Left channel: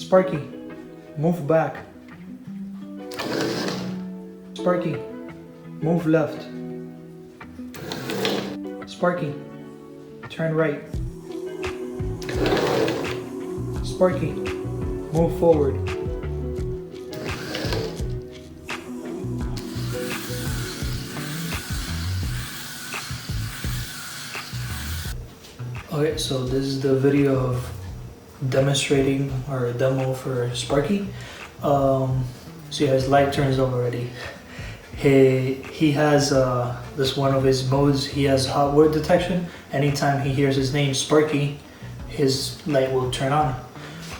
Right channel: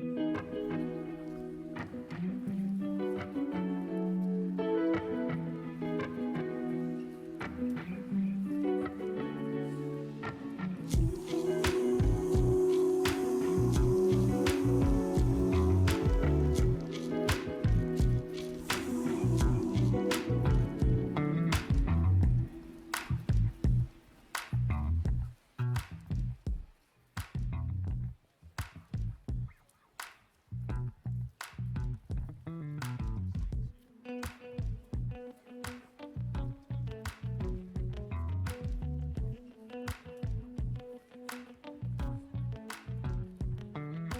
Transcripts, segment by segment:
Sparky, move back. Sparky, move left. Sparky, turn right. Sparky, move forward. Okay, so this is the video of demonstrating or a demo for Sparky. So yeah, his light turns on already. He has this one of his modes. He has hot word detection. Anytime he hears his name Sparky, his light will turn on.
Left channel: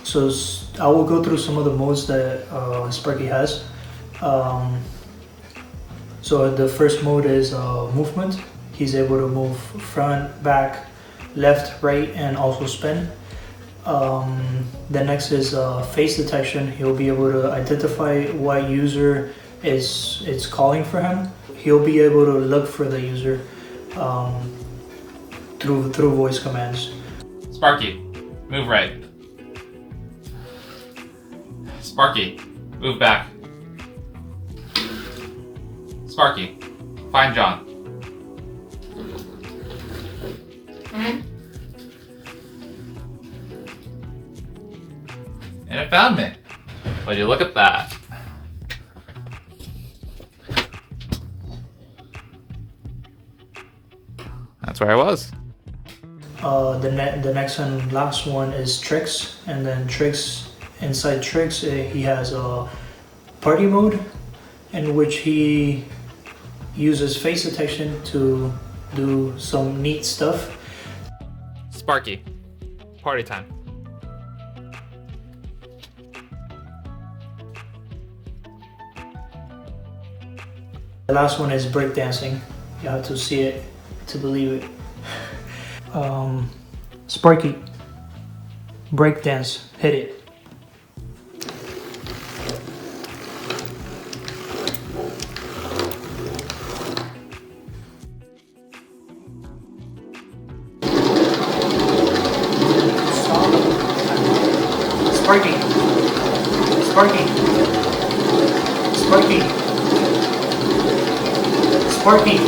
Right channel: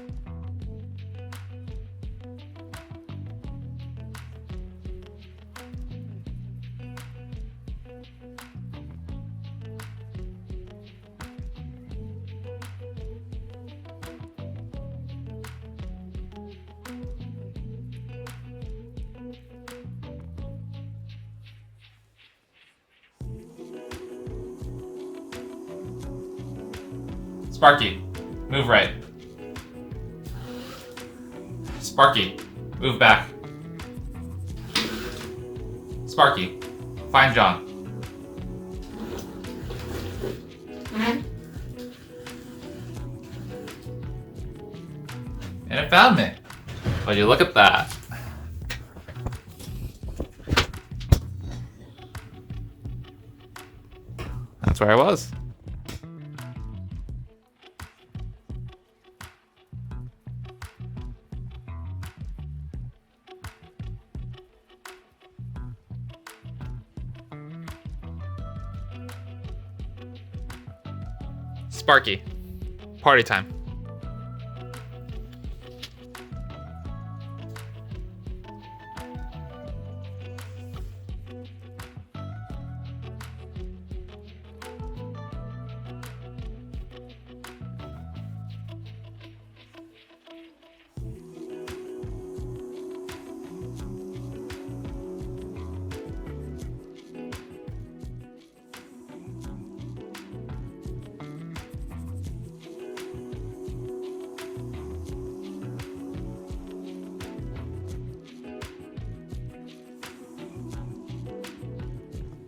So I will go through some of the modes that Sparky has. So the first mode is movement. He's able to move front, back, left, right, and also spin. The next is face detection. He'll be able to identify what user is calling for him. He'll be able to look for the user through voice commands. Sparky, move right. Sparky, move back. Sparky, find John. And it found me. Would you look at that? That's where I was. The next and last one is tricks, and then tricks. Inside tricks, he has a party mode, in which he uses face detection to do some neat stuff. Sparky, party time. The last one is breakdancing. You have to see it to believe it. Sparky, breakdance, hit it. Sparky, Sparky, Sparky, Sparky.